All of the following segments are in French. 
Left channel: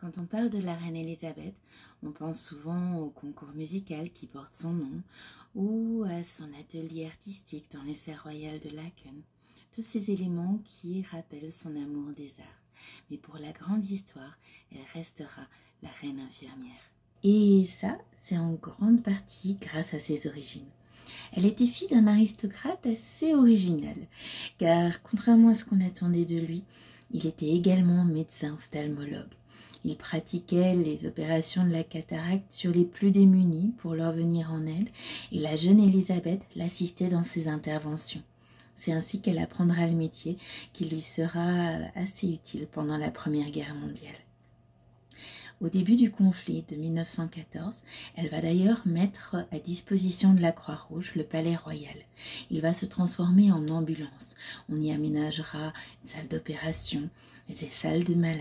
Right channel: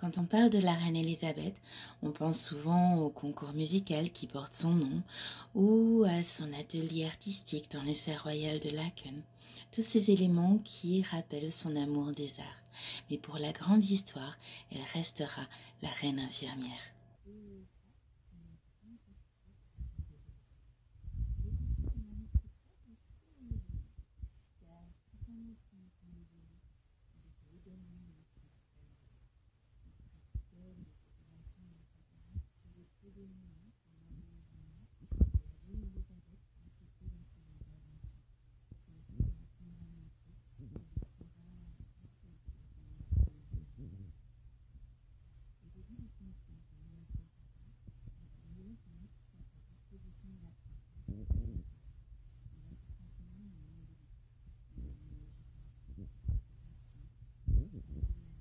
Quand on parle de la reine Elisabeth, on pense souvent au concours musical qui porte son nom ou à son atelier artistique dans les serres royales de Laeken. Tous ces éléments qui rappellent son amour des arts. Mais pour la grande histoire, elle restera la reine infirmière. Et ça, c'est en grande partie grâce à ses origines. Elle était fille d'un aristocrate assez original, car contrairement à ce qu'on attendait de lui, il était également médecin ophtalmologue. Il pratiquait les opérations de la cataracte sur les plus démunis pour leur venir en aide, et la jeune Elisabeth l'assistait dans ses interventions. C'est ainsi qu'elle apprendra le métier qui lui sera assez utile pendant la Première Guerre mondiale. Au début du conflit de 1914, elle va d'ailleurs mettre à disposition de la Croix-Rouge le palais royal. Il va se transformer en ambulance. On y aménagera une salle d'opération, des salles de malades.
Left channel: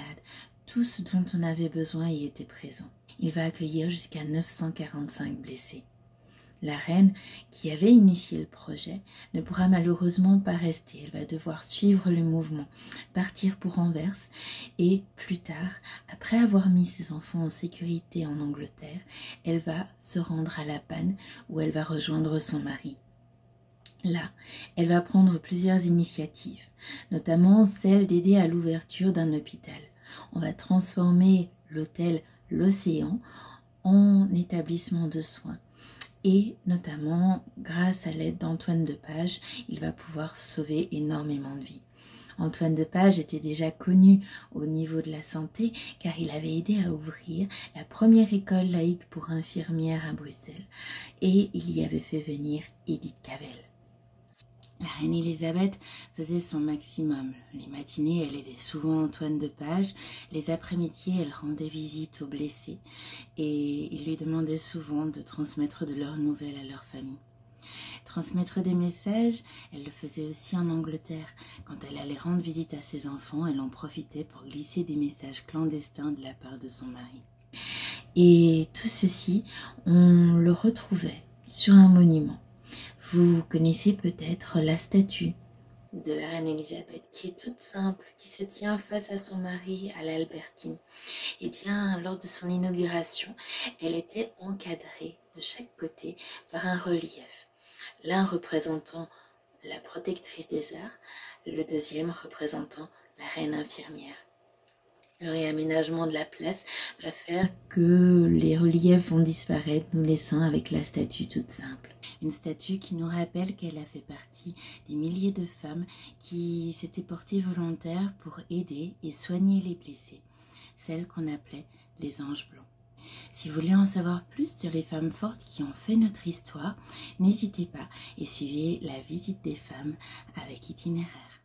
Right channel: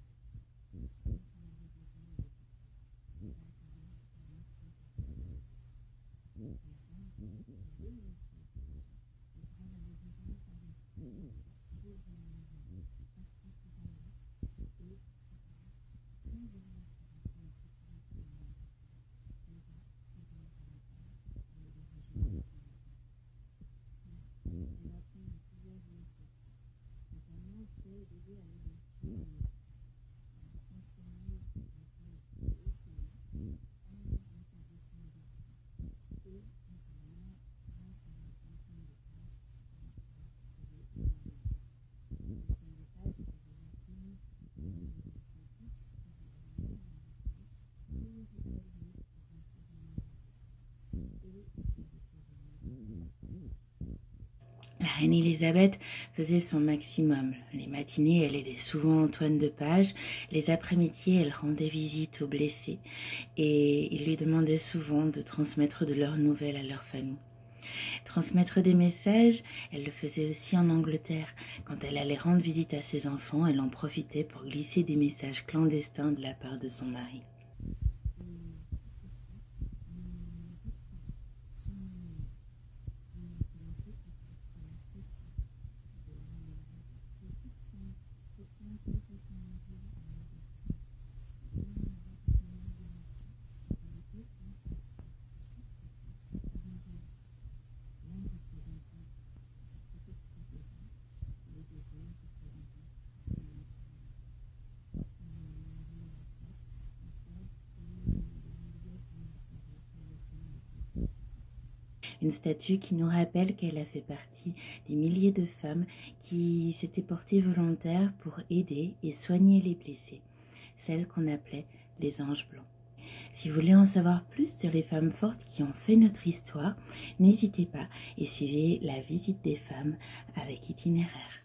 Tout ce dont on avait besoin y était présent. Il va accueillir jusqu'à 945 blessés. La reine, qui avait initié le projet, ne pourra malheureusement pas rester. Elle va devoir suivre le mouvement, partir pour Anvers et plus tard, après avoir mis ses enfants en sécurité en Angleterre, elle va se rendre à La Panne où elle va rejoindre son mari. Là, elle va prendre plusieurs initiatives, notamment celle d'aider à l'ouverture d'un hôpital. On va transformer l'hôtel L'Océan en établissement de soins. Et notamment, grâce à l'aide d'Antoine de Pages, il va pouvoir sauver énormément de vies. Antoine de Pages était déjà connu au niveau de la santé car il avait aidé à ouvrir la première école laïque pour infirmières à Bruxelles et il y avait fait venir Edith Cavell. La reine Elisabeth faisait son maximum. Les matinées, elle aidait souvent Antoine de Pages. Les après-midi, elle rendait visite aux blessés. Et il lui demandait souvent de transmettre de leurs nouvelles à leur famille. Transmettre des messages, elle le faisait aussi en Angleterre. Quand elle allait rendre visite à ses enfants, elle en profitait pour glisser des messages clandestins de la part de son mari. Et tout ceci, on le retrouvait sur un monument. Vous connaissez peut-être la statue de la reine Elisabeth qui est toute simple, qui se tient face à son mari à l'Albertine. Eh bien, lors de son inauguration, elle était encadrée de chaque côté par un relief. L'un représentant la protectrice des arts, le deuxième représentant la reine infirmière. Le réaménagement de la place va faire que les reliefs vont disparaître, nous laissant avec la statue toute simple. Une statue qui nous rappelle qu'elle a fait partie des milliers de femmes qui s'étaient portées volontaires pour aider et soigner les blessés, celles qu'on appelait les anges blancs. Si vous voulez en savoir plus sur les femmes fortes qui ont fait notre histoire, n'hésitez pas et suivez la visite des femmes avec itinéraire.